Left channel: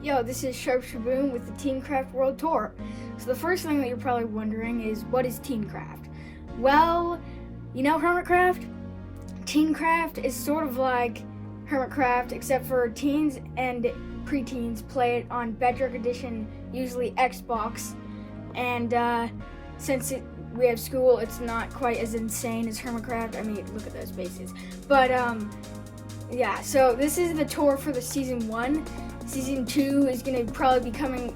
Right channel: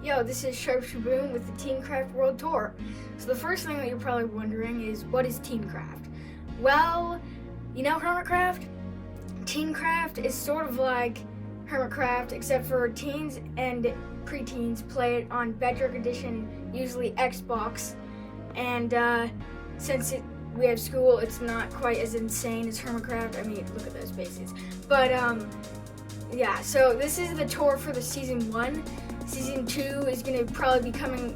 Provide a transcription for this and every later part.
Yo, this is Sharp Shaboom with the Teencraft World Tour. So the first thing that you're probably wondering is, what is Teencraft? Well, you know Hermitcraft? Teencraft is sort of like Hermitcraft, except for teens and preteens play it on Bedrock Edition, usually Xbox. And since we have school, it's not quite as insane as Hermitcraft. I mean, look at those bases. But yeah, so this is the tour for the Season 1. Season 2 is going to probably be coming,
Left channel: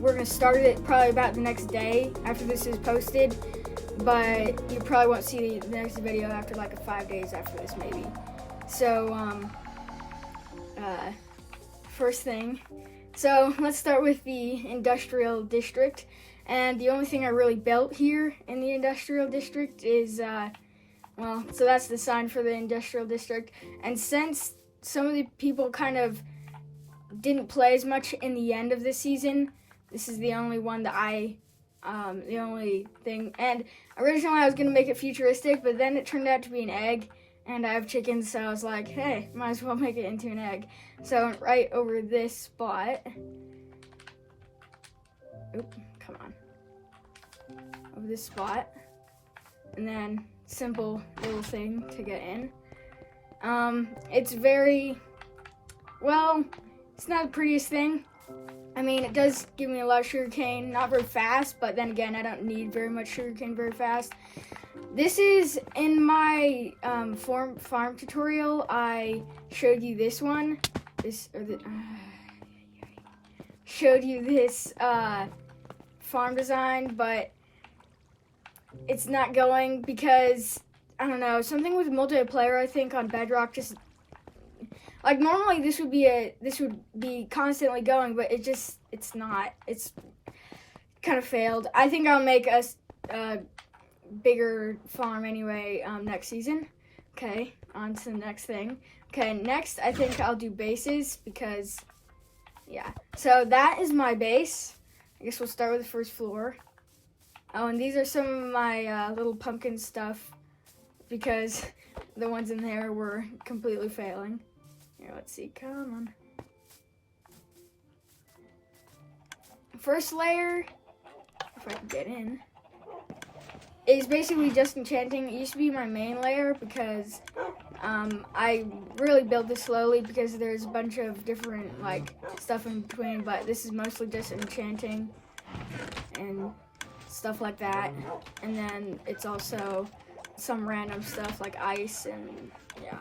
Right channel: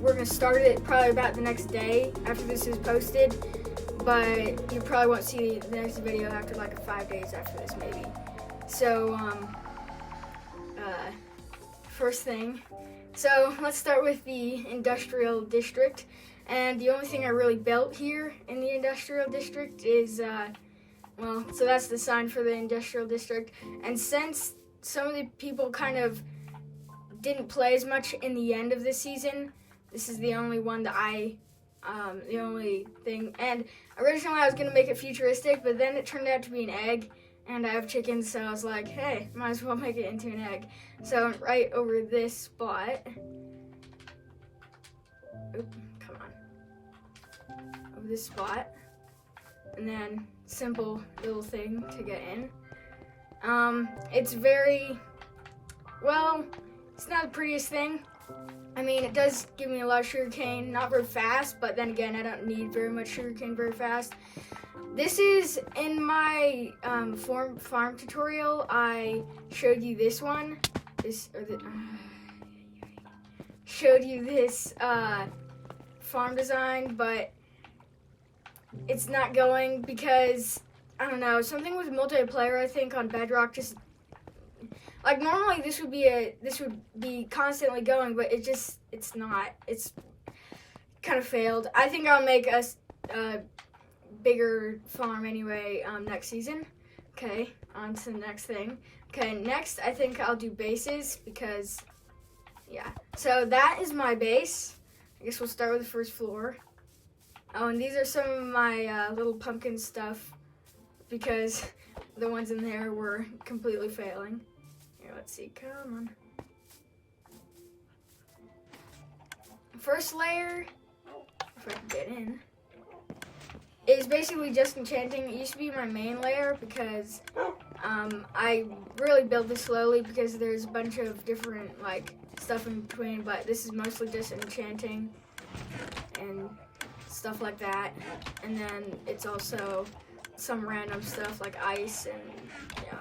we're going to start it probably about the next day after this is posted, but you probably won't see the next video after like 5 days after this maybe. So, first thing, so let's start with the Industrial District, and the only thing I really built here in the Industrial District is, well, so that's the sign for the Industrial District, and since some of the people kind of didn't play as much in the end of this season, this is the only one that the only thing, and originally I was going to make it futuristic, but then it turned out to be an egg, and I have chickens, so I was like, hey, might as well make it into an egg. So right over this spot, over this spot, and then simple little thing to get in. It's very, well, it's not the prettiest thing. I mean, it does give me a lot of sugarcane, not very fast, but then again, I don't need very much sugarcane very fast. This is in my farm tutorial. I showed you this one. Showed you this farm design, but it's not going because, I don't know, something with multiplayer, I think, on Bedrock just, like, normally this would be constantly going, but it's not. It's kind of failed. I think I'll make a bigger farm anyway next season. Okay, on to the next thing. Okay, next I think I'll do bases because, yeah. So that is my base. I guess we'll start with the first floor. Oh, and these are some of my little pumpkin stuff because the ones in there were completely failing. Let's see, come on. First layer, if I can get in, is basically just enchanting. It used to be my main layer because I really built this slowly because there's a bunch of different like stuff in between, but this is mostly just enchanting and stuff like that. And then it's also some random stuff like ice and yeah.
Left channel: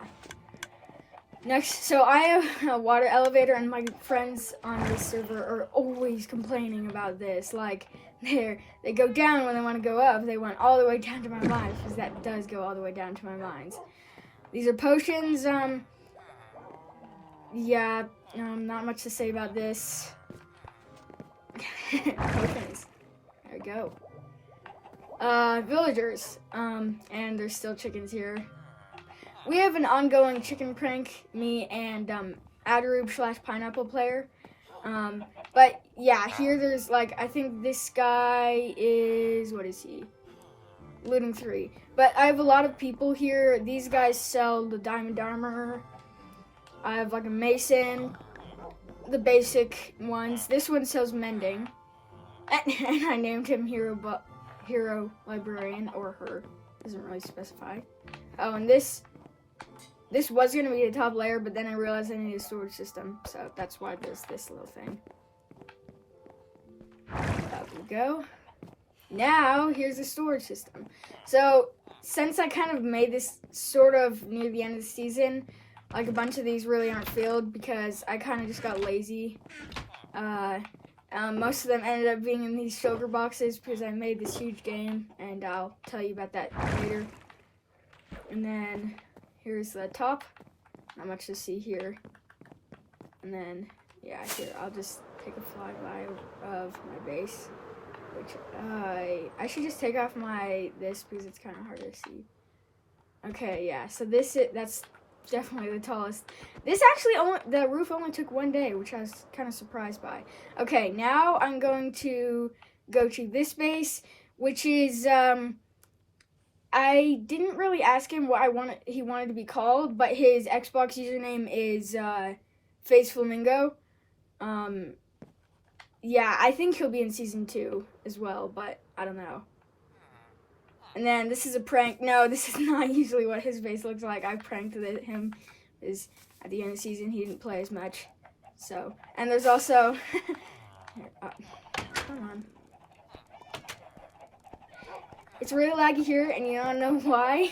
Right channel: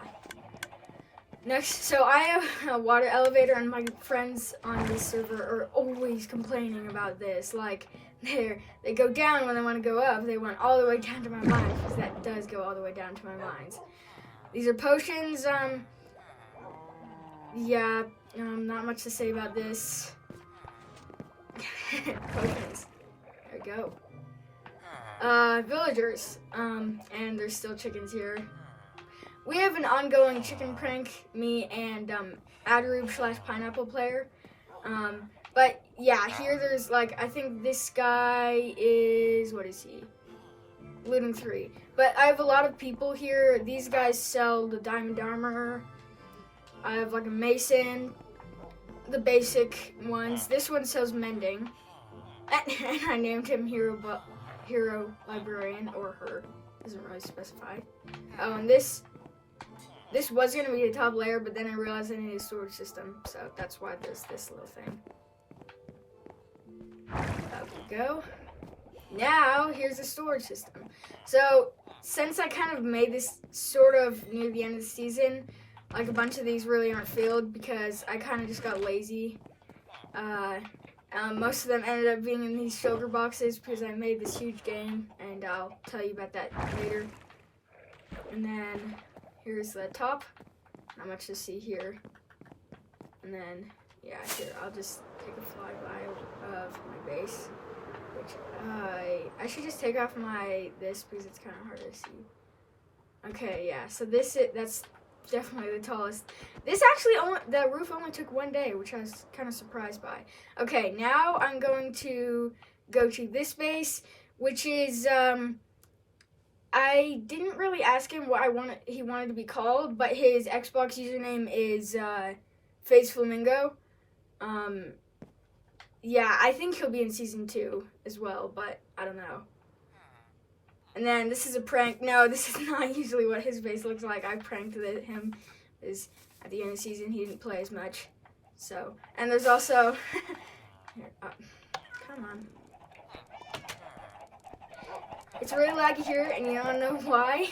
Next, so I have a water elevator, and my friends on this server are always complaining about this. Like, they go down when they want to go up. They want all the way down to my mines, because that does go all the way down to my mines. These are potions. Yeah, not much to say about this. Potions. There we go. Villagers. And there's still chickens here. We have an ongoing chicken prank, me and Adarube/Pineapple player. But yeah, here there's like, I think this guy is, what is he? Looting 3. But I have a lot of people here. These guys sell the diamond armor. I have like a mason, the basic ones. This one sells mending. And I named him Hero Librarian, or her. Doesn't really specify. Oh, and this was going to be a top layer, but then I realized I needed a storage system, so that's why there's this little thing. There we go. Now, here's the storage system. So, since I kind of made this sort of near the end of the season, like a bunch of these really aren't filled because I kind of just got lazy. Most of them ended up being in these shulker boxes because I made this huge game, and I'll tell you about that later. And then here's the top. Not much to see here. And then, yeah, here, I'll just take a flyby of my base. Which, I should just take off this because it's kind of hard to see. Okay, yeah, so that's definitely the tallest. This actually, the roof only took 1 day, which I was kind of surprised by. Okay, now I'm going to go to this base, which is, I didn't really ask him what he wanted to be called, but his Xbox username is FaceFlamingo. Yeah, I think he'll be in season 2 as well, but I don't know. And then this is a prank. No, this is not usually what his face looks like. I pranked him. Is at the end of the season he didn't play as much. So, and there's also here, come on. It's really laggy here, and you don't know why.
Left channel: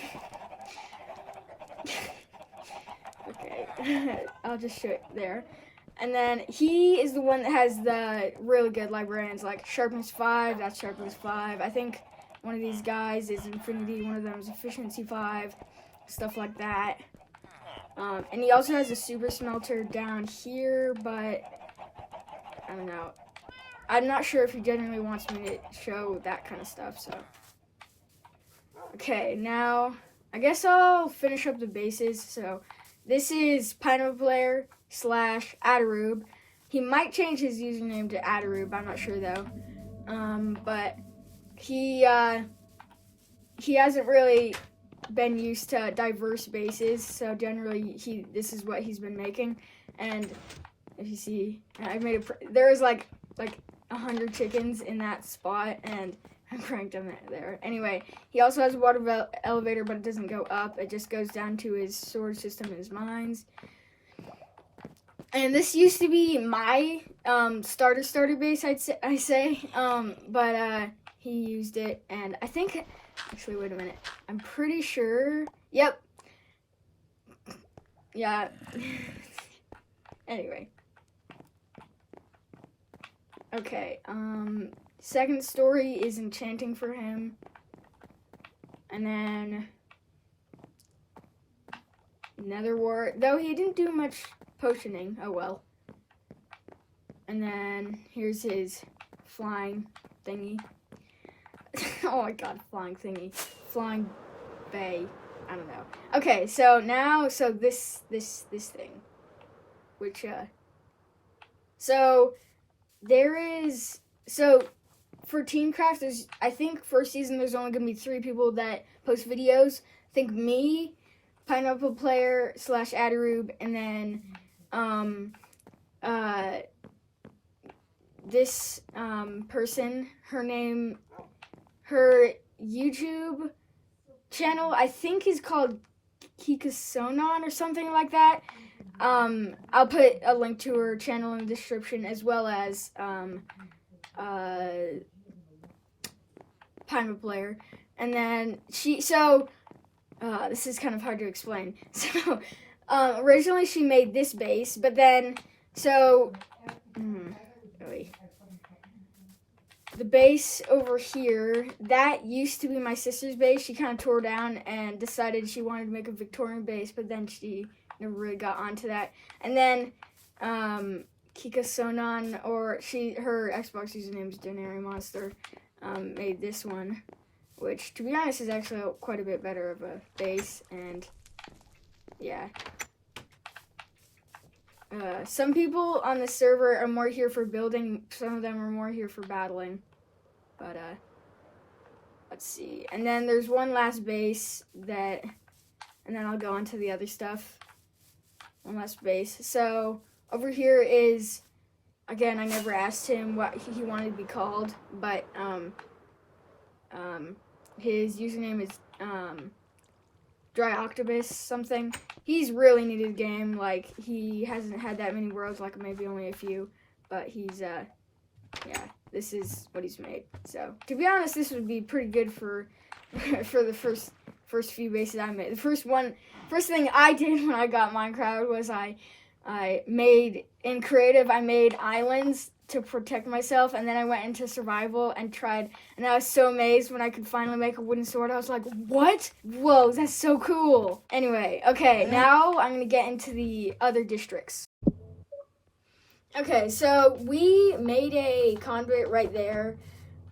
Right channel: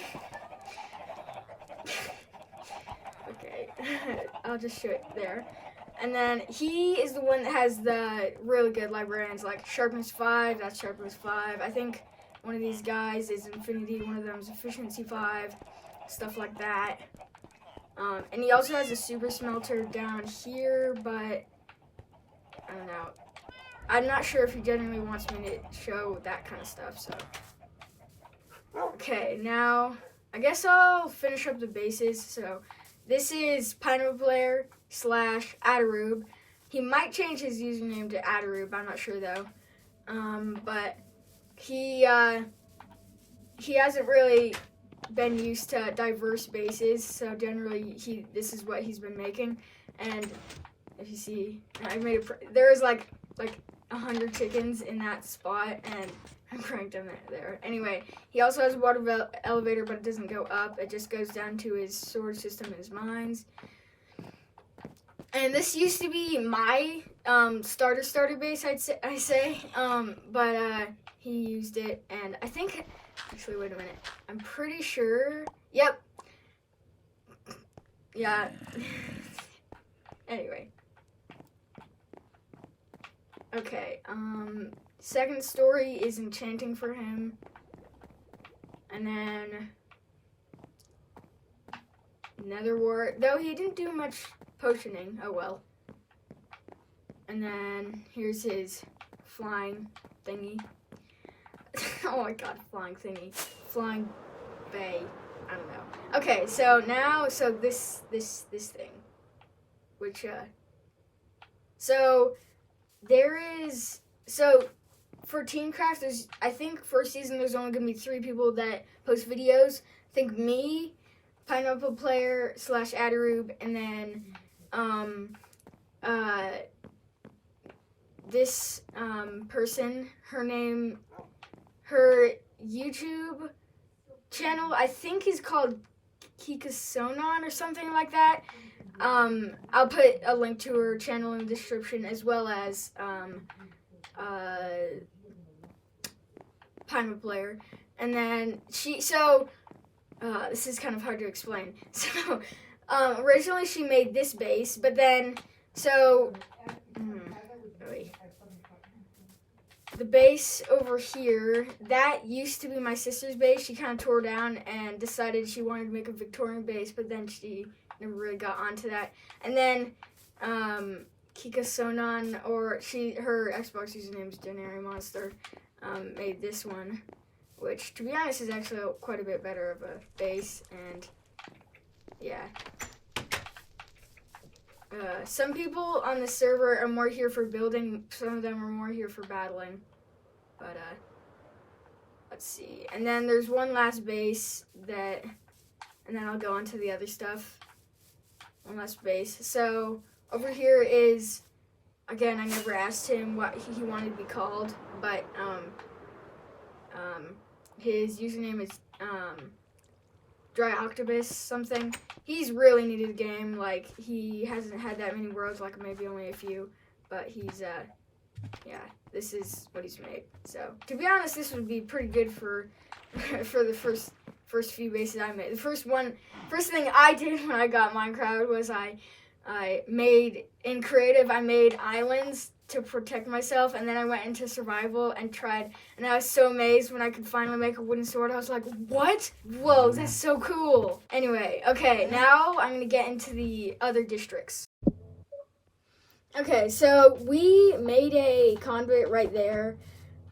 Okay, I'll just show it there. And then he is the one that has the really good librarians, like Sharpness 5, that's Sharpness 5. I think one of these guys is Infinity, one of them is Efficiency 5, stuff like that. And he also has a Super Smelter down here, but I don't know. I'm not sure if he genuinely wants me to show that kind of stuff, so. Okay, now, I guess I'll finish up the bases, so. This is Pineapple Player / Adarube. He might change his username to Adarube, I'm not sure though. But he hasn't really been used to diverse bases, so generally this is what he's been making. And if you see, I made there was like 100 chickens in that spot, and I pranked him there. Anyway, he also has a water elevator, but it doesn't go up. It just goes down to his sword system and his mines. And this used to be my starter base, I say. But he used it, and I think, actually, wait a minute. I'm pretty sure. Yep. Yeah. Anyway. Okay, second story is enchanting for him. And then Nether Wart, though he didn't do much potioning, oh well. And then here's his flying thingy. Oh my god, flying thingy. Flying bay. I don't know. Okay, so now, this thing. Which, so there is, so for Teencraft, there's, I think first season there's only going to be 3 people that post videos. I think me, Pineapple Player / Adarube, and then this person, her YouTube channel, I think is called Kikasonon or something like that. I'll put a link to her channel in the description, as well as Pineapple Player. And then this is kind of hard to explain. So, originally she made this base, but then, the base over here, that used to be my sister's base. She kind of tore down and decided she wanted to make a Victorian base, but then she never really got onto that. And then Kikasonon, or her Xbox username is Denary Monster, made this one, which to be honest is actually quite a bit better of a base. And yeah, some people on the server are more here for building, some of them are more here for battling. But let's see. And then there's one last base and then I'll go on to the other stuff. One last base. So over here is, again, I never asked him what he wanted to be called, but his username is Dry Octopus something. He's really new to the game. Like, he hasn't had that many worlds, like maybe only a few, but he's yeah, this is what he's made. So to be honest, this would be pretty good for the first few bases I made. The first thing I did when I got Minecraft was I made, in creative, I made islands to protect myself, and then I went into survival and tried, and I was so amazed when I could finally make a wooden sword. I was like, what? Whoa, that's so cool. Anyway, okay, now I'm gonna get into the other districts. Okay, so we made a conduit right there.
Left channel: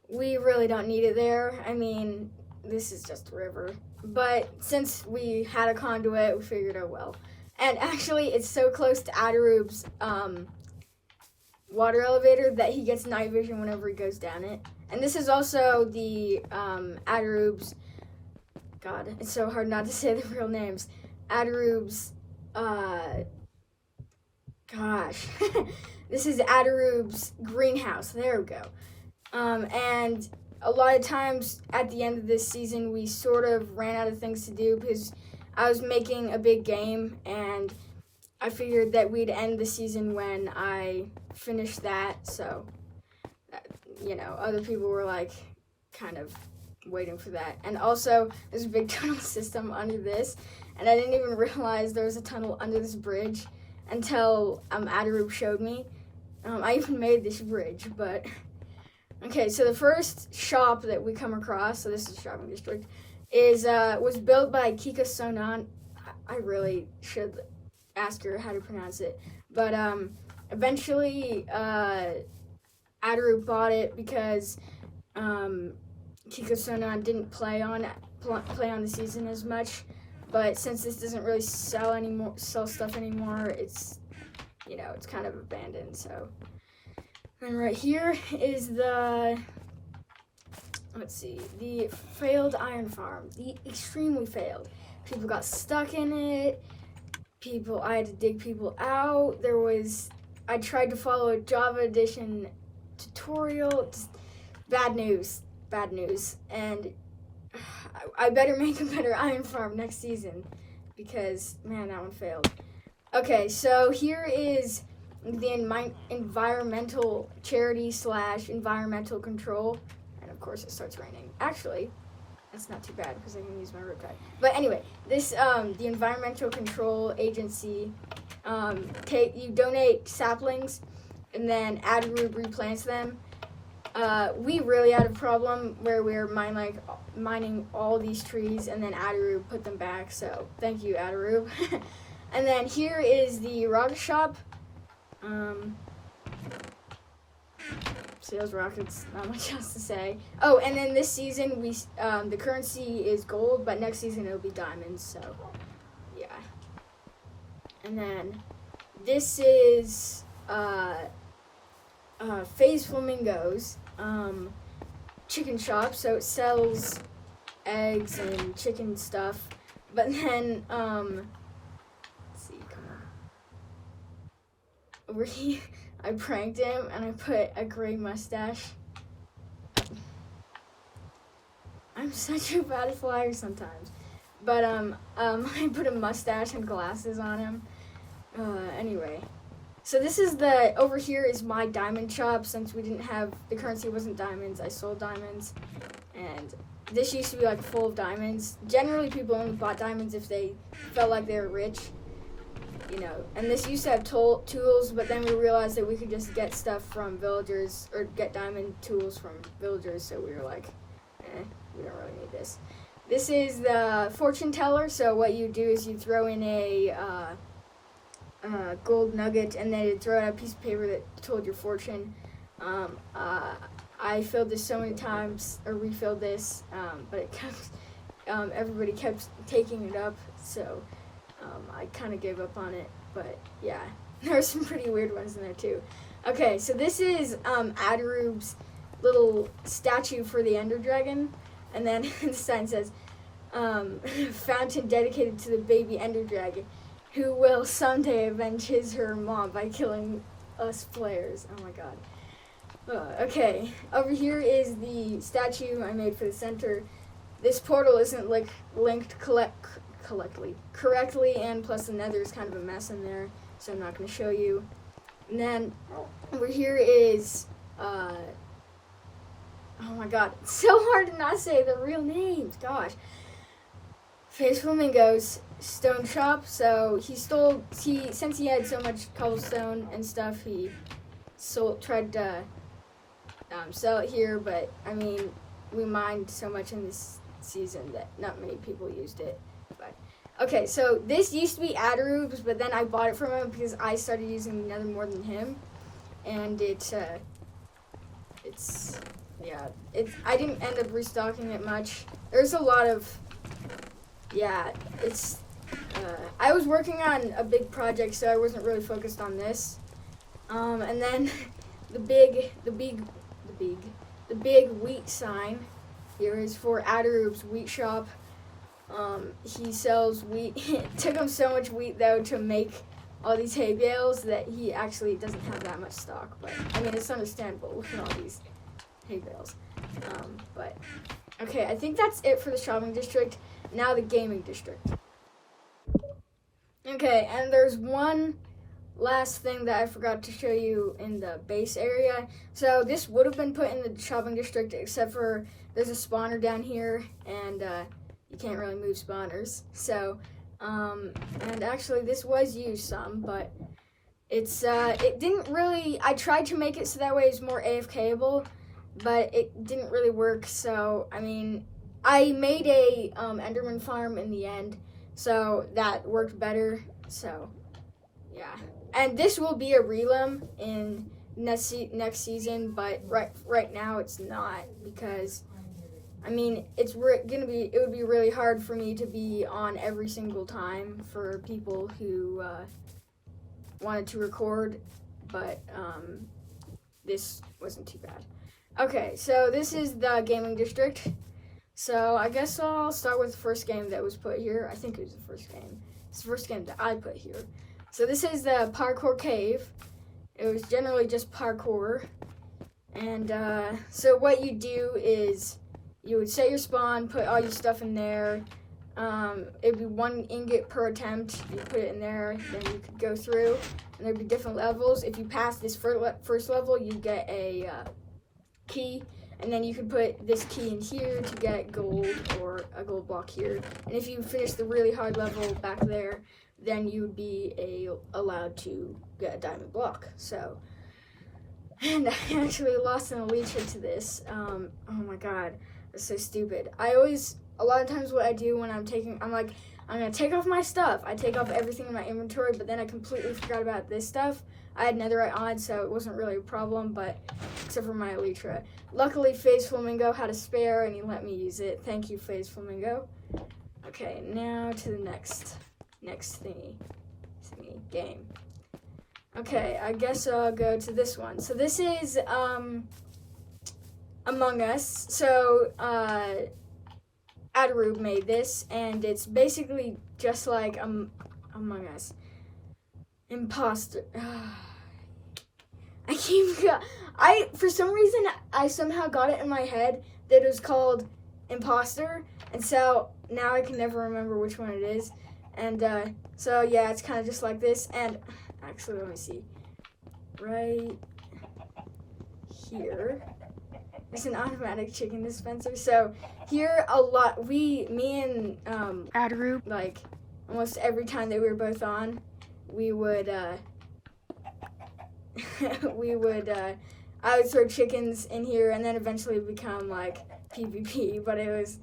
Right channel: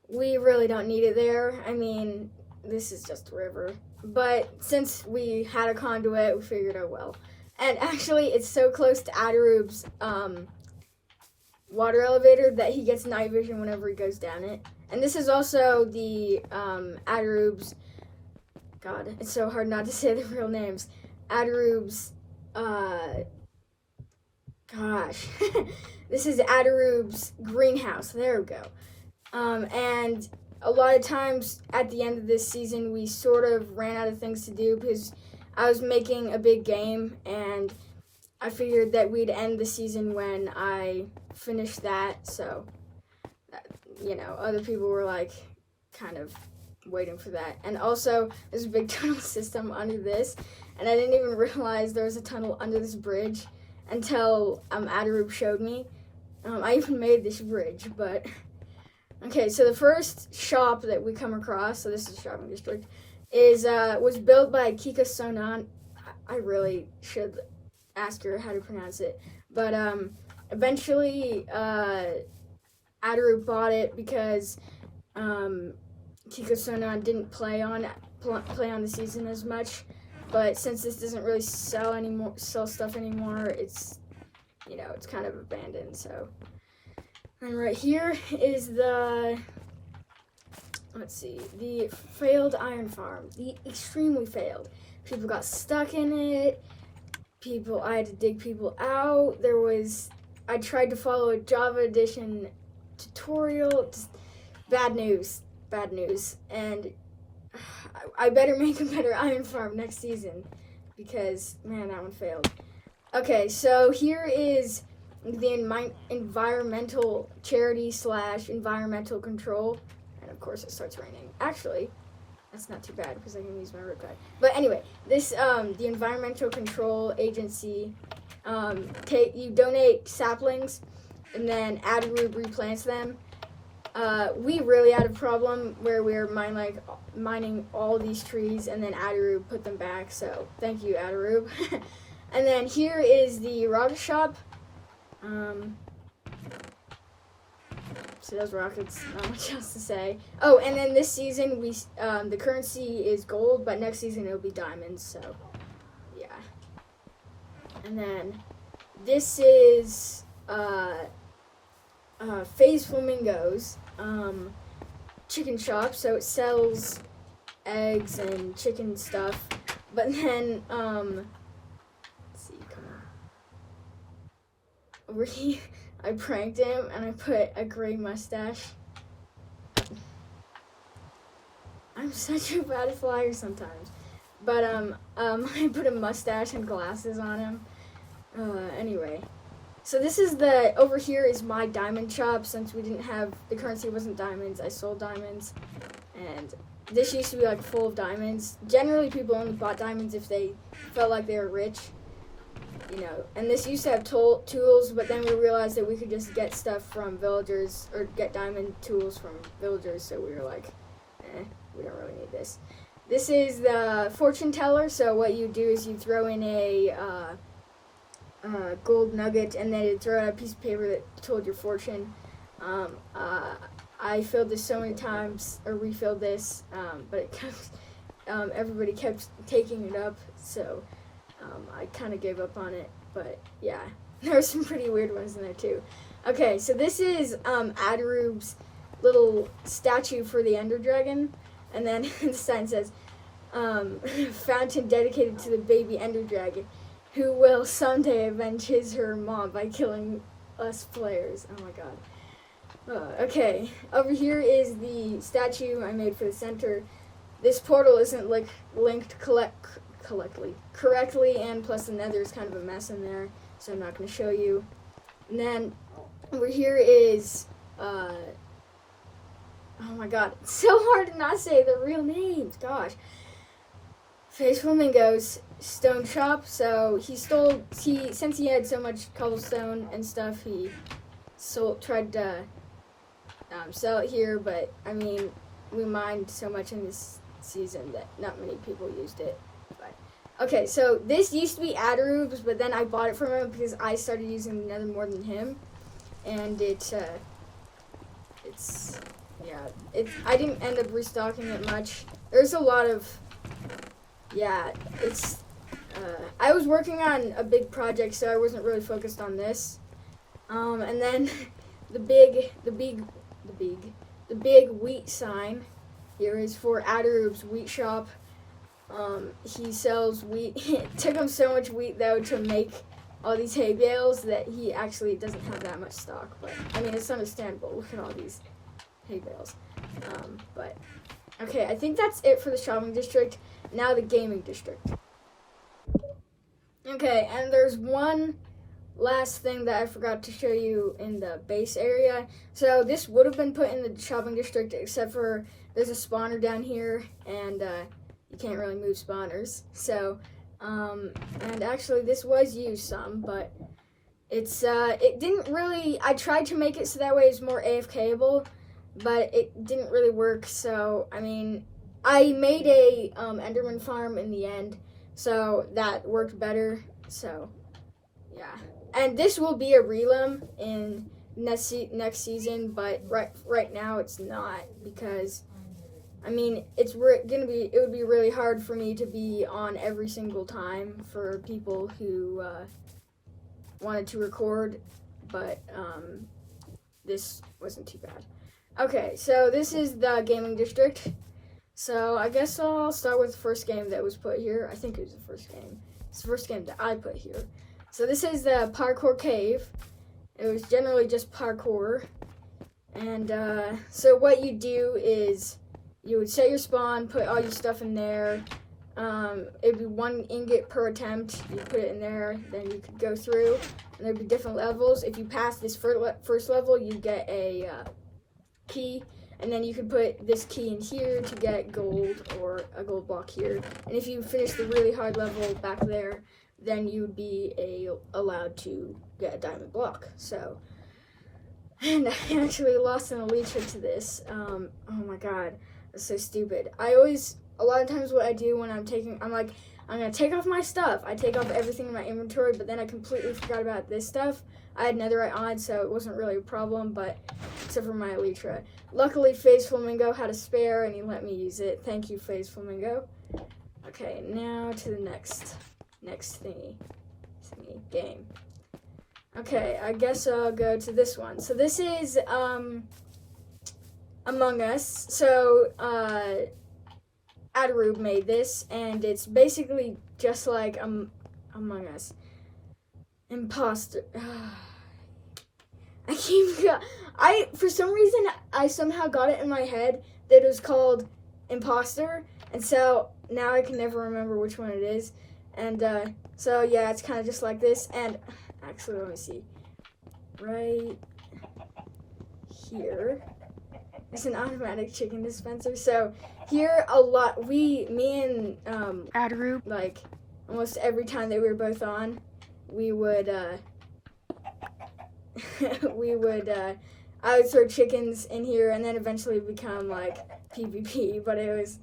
We really don't need it there. I mean, this is just a river. But since we had a conduit, we figured, oh well. And actually, it's so close to Adarube's water elevator that he gets night vision whenever he goes down it. And this is also the Adarube's, God, it's so hard not to say the real names. Adarube's, gosh. this is Adaroob's greenhouse. There we go. And a lot of times at the end of this season, we sort of ran out of things to do because I was making a big game, and I figured that we'd end the season when I finished that. So, other people were like kind of waiting for that. And also, there's a big tunnel system under this, and I didn't even realize there was a tunnel under this bridge until Adaroob showed me. I even made this bridge, but okay. So the first shop that we come across, so this is the shopping district, was built by Kika Sonan. I really should ask her how to pronounce it, but eventually Adaroob bought it because Kika Sonan didn't play on the season as much. But since this doesn't really sell stuff anymore, it's it's kind of abandoned. So, and right here is the failed iron farm, the extremely failed. People got stuck in it. I had to dig people out. I tried to follow a Java Edition tutorial. Just bad news, and I better make a better iron farm next season because, man, that one failed. Okay, so here is the environmental charity / environmental control. And, of course, it starts raining. Actually, that's not too bad because I can use my rope guide. But anyway, the environmental control agency, you donate saplings, and then Adaroob replants them. We really had a problem where we were mining all these trees, and then Adaroob put them back, so thank you, Adaroob. And then here is the rocket shop. Sales rockets, not much else to say. Oh, and then this season, the currency is gold, but next season it'll be diamonds, so yeah. And then this is Phase Flamingos chicken shop, so it sells eggs and chicken stuff. But then let's see, come on. Over here, I pranked him and I put a gray mustache. I'm such a bad flyer sometimes. But I put a mustache and glasses on him. Anyway. So this is over here is my diamond shop. Since we didn't have, the currency wasn't diamonds, I sold diamonds. And this used to be like full of diamonds. Generally people only bought diamonds if they felt like they were rich, And this used to have tools, but then we realized that we could just get stuff from villagers, or get diamond tools from villagers, so we were like, we don't really need this. This is the fortune teller, so what you do is you throw in a gold nugget, and then you throw out a piece of paper that told your fortune. I filled this so many times, or refilled this, but it kept, everybody kept taking it up, so I kind of gave up on it, but yeah, there were some pretty weird ones in there too. Okay, so this is Adaroob's little statue for the Ender Dragon, and then the sign says, fountain dedicated to the baby Ender Dragon, who will someday avenge her mom by killing us players. Oh my god. Okay, over here is the statue I made for the center. This portal isn't linked correctly, and plus the nether is kind of a mess in there, so I'm not going to show you. And then over here is, oh my god, it's so hard to not say the real names, gosh. Phase Flamingo's stone shop, so since he had so much cobblestone and stuff, he tried to sell it here, but I mean, we mined so much in this season that not many people used it. But okay, so this used to be Adaroob's, but then I bought it from him because I started using the nether more than him, and I didn't end up restocking it much. There's a lot of, I was working on a big project, so I wasn't really focused on this. And then the big wheat sign here is for Adaroob's wheat shop. He sells wheat. It took him so much wheat though to make all these hay bales that he actually doesn't have that much stock. But I mean, it's understandable. Look at all these hay bales. But okay, I think that's it for the shopping district. Now the gaming district. Okay, and there's one last thing that I forgot to show you in the base area. So this would have been put in the shopping district, except for there's a spawner down here, and you can't really move spawners. So, and actually this was used some, but it's it didn't really. I tried to make it so that way it's more AFKable, but it didn't really work. So I mean, I made a Enderman farm in the end, so that worked better. So yeah, and this will be a realm in next season, but right now it's not, because I mean it would be really hard for me to be on every single time for people who wanted to record, but this wasn't too bad. Okay, so this is the gaming district. So I guess I'll start with the first game that was put here. I think it was the first game. It's the first game that I put here. So this is the Parkour Cave. It was generally just parkour. And so what you do is you would set your spawn, put all your stuff in there. It'd be 1 ingot per attempt. You put it in there, then you could go through, and there'd be different levels. If you pass this first level, you get a key, and then you could put this key in here to get gold, or a gold block here. And if you finish the really hard level back there, then you would be allowed to get a diamond block. So, and I actually lost an elytra to this. Oh my god, that's so stupid. A lot of times what I do when I'm like, I'm gonna take off my stuff. I take off everything in my inventory, but then I completely forgot about this stuff. I had netherite on, so it wasn't really a problem, but except for my elytra. Luckily, FaZe Flamingo had a spare, and he let me use it. Thank you, FaZe Flamingo. Okay, now to the next thingy game. Okay, I guess I'll go to this one. So this is Among Us. So Adarube made this, and it's basically just like Among Us. Imposter. For some reason, I somehow got it in my head that it was called Imposter, and so now I can never remember which one it is. And so yeah, it's kind of just like this. And actually, let me see. Right here is an automatic chicken dispenser. So here me and Adarube, like almost every time that we were both on, we would I would throw chickens in here, and then eventually it would become like PvP, but it was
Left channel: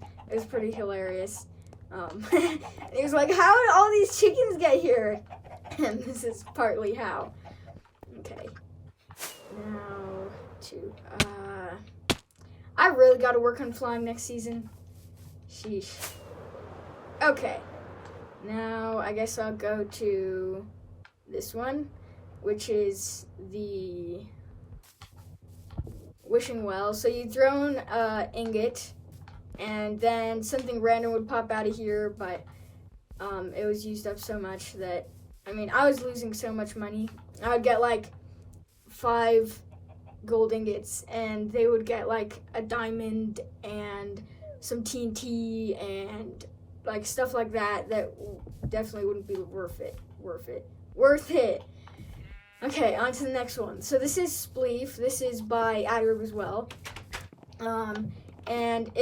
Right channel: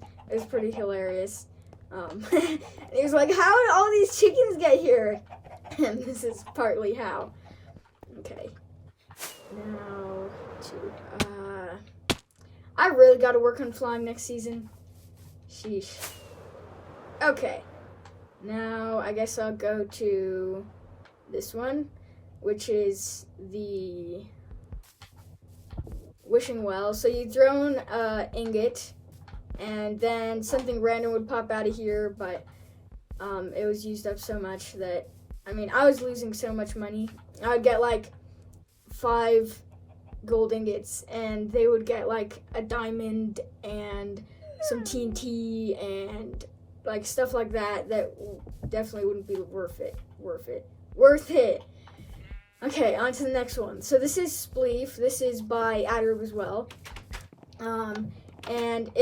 pretty hilarious. It was like, how did all these chickens get here? And this is partly how. Okay. Now I really got to work on flying next season. Sheesh. Okay. Now I guess I'll go to this one, which is the wishing well. So you throw an ingot, and then something random would pop out of here, but it was used up so much that, I mean, I was losing so much money. I'd get like 5 gold ingots, and they would get like a diamond and some TNT and like stuff like that definitely wouldn't be worth it. Okay, on to the next one. So this is Spleef. This is by Adarube as well. And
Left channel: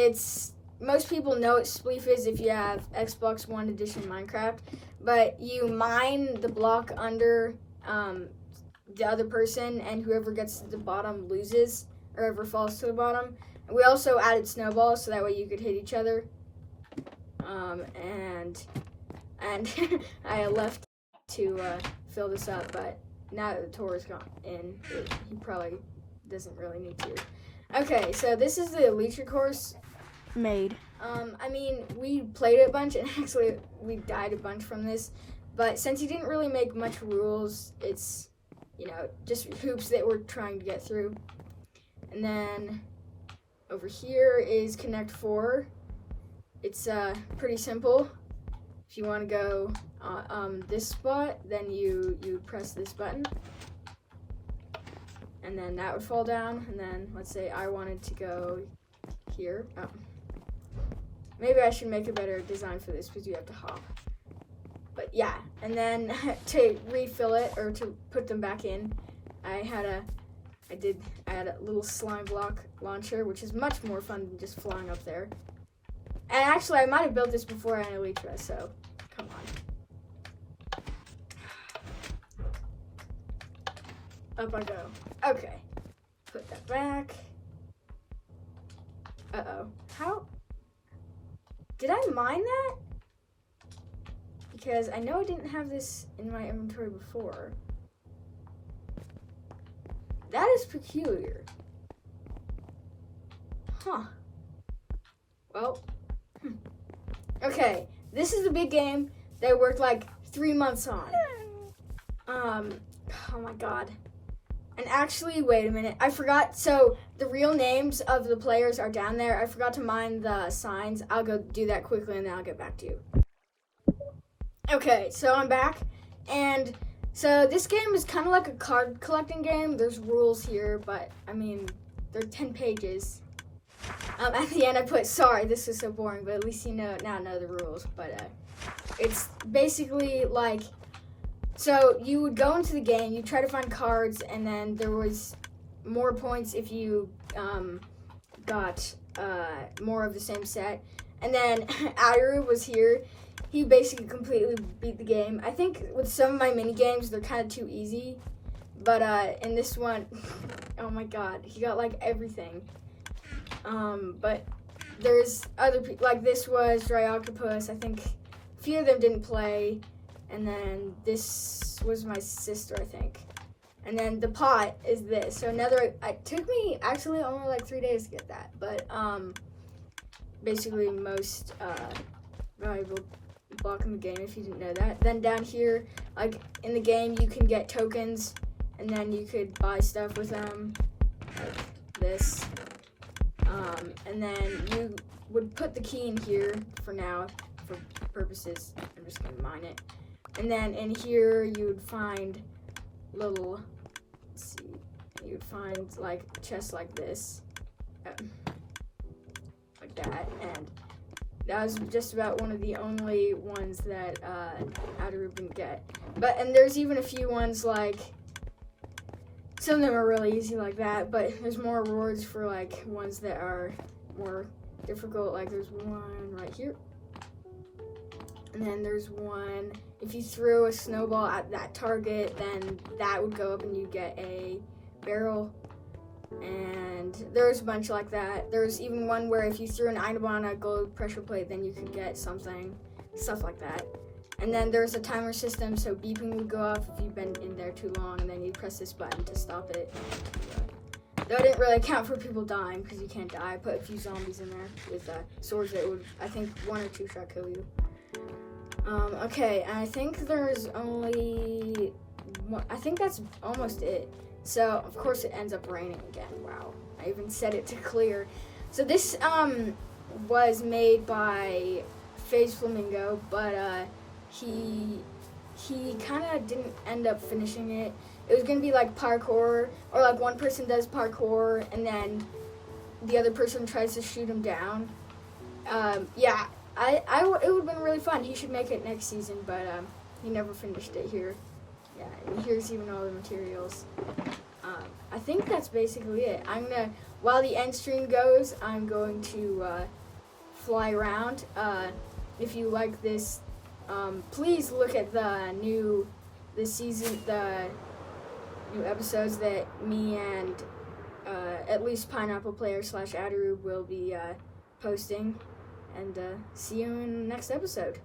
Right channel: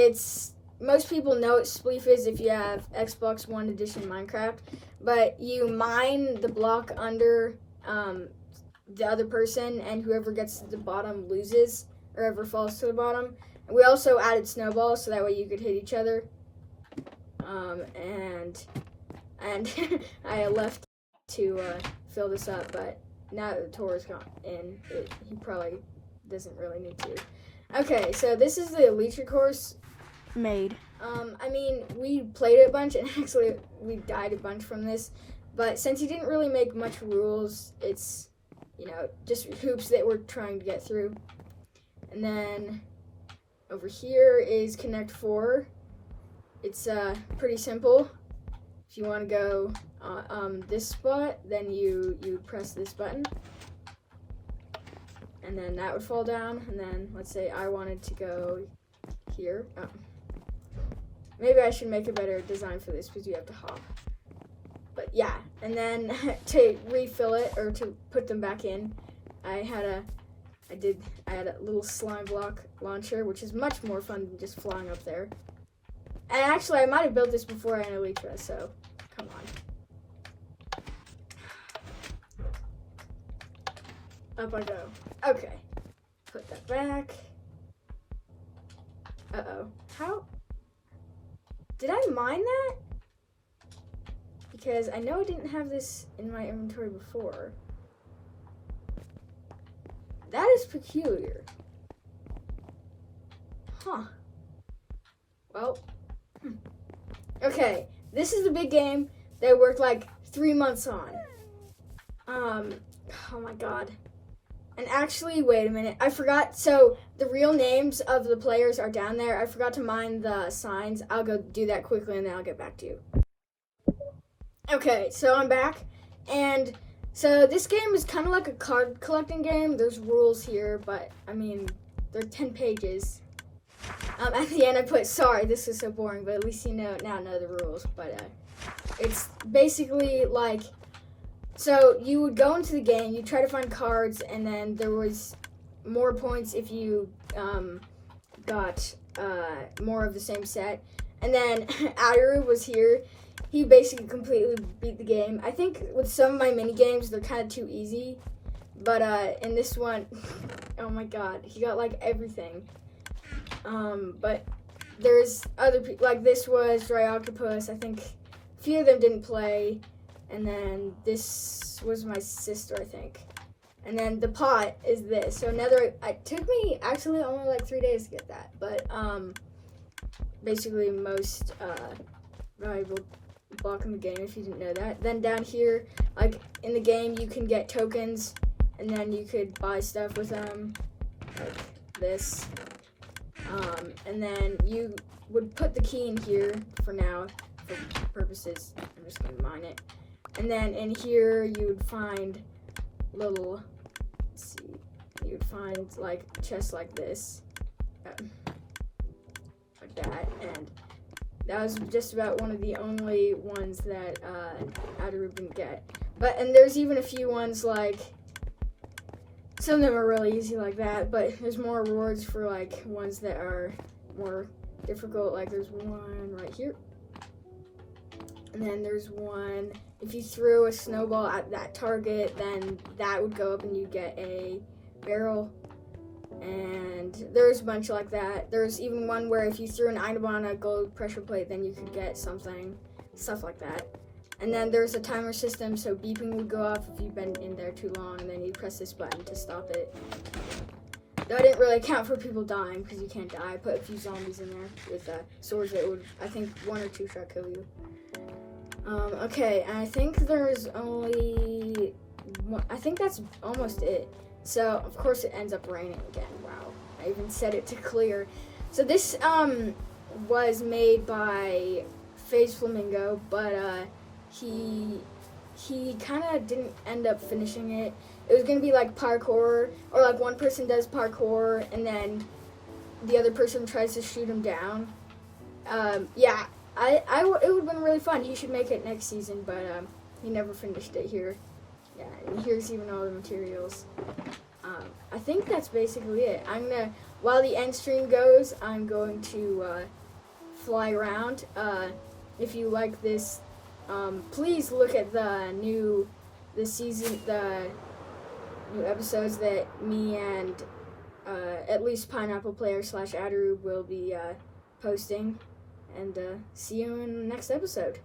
most people know what Spleef is if you have Xbox One Edition Minecraft, but you mine the block under the other person, and whoever gets to the bottom loses, or whoever falls to the bottom. And we also added snowballs, so that way you could hit each other. And I left to fill this up, but now that the tour is gone in, he probably doesn't really need to. Okay, so this is the Elytra course made. I mean, we played it a bunch, and actually we died a bunch from this, but since he didn't really make much rules, it's, just hoops that we're trying to get through. And then over here is Connect 4. It's pretty simple. If you want to go this spot, then you press this button, and then that would fall down. And then let's say I wanted to go here. Maybe I should make a better design for this because you have to hop. But yeah, and then to refill it or to put them back in, I had a little slime block launcher, which is much more fun than just flying up there. And actually, I might have built this before I had Elytra, so come on. Up I go. Okay, put that back. Uh-oh. How? Did I mine that? Because I know I didn't have this in my inventory before. That is peculiar. Huh. Well. Okay, this is the big game that I worked like 3 months on. Oh my god. And actually, wait a minute. I forgot. So, the real names of the players are down there. I forgot to mine the signs. I'll go do that quickly and then I'll get back to you. Okay, so I'm back. And so this game is kind of like a card collecting game. There's rules here, but I mean, they're 10 pages. At the end I put, sorry, this is so boring, but at least you now know the rules. But it's basically like, so you would go into the game, you try to find cards, and then there was more points if you got more of the same set. And then Aru was here. He basically completely beat the game. I think with some of my mini games, they're kind of too easy. But in this one, oh my god, he got like everything. But there's other people, like this was Dry Octopus. I think a few of them didn't play. And then this was my sister, I think. And then the pot is this. So it took me actually only like 3 days to get that. But basically most valuable block in the game, if you didn't know that. Then down here, like in the game, you can get tokens, and then you could buy stuff with them, like this. And then you would put the key in here for now, for purposes. I'm just gonna mine it. And then in here, you would find little, let's see, you would find like chests like this, like that, and that was just about one of the only ones that Adaru didn't get. And there's even a few ones like, some of them are really easy like that, but there's more rewards for like ones that are more difficult. Like there's one right here. And then there's one, if you threw a snowball at that target, then that would go up and you get a barrel. And there's a bunch like that. There's even one where if you threw an item on a gold pressure plate, then you could get something, stuff like that. And then there's a timer system, so beeping would go off if you've been in there too long, and then you press this button to stop it. Though I didn't really count for people dying, because you can't die. I put a few zombies in there with swords that would, I think, 1 or 2 shot kill you. Okay, and I think there's only, I think that's almost it. So, of course, it ends up raining again. Wow. I even set it to clear. So this was made by FaZe Flamingo, but he kind of didn't end up finishing it. It was going to be like parkour, or like one person does parkour, and then the other person tries to shoot him down. Yeah, it would have been really fun. He should make it next season, but he never finished it here. Yeah, and here's even all the materials. I think that's basically it. While the end stream goes, I'm going to fly around. If you like this, please look at the new episodes that me and at least Pineapple Player / Adaru will be posting. And see you in the next episode.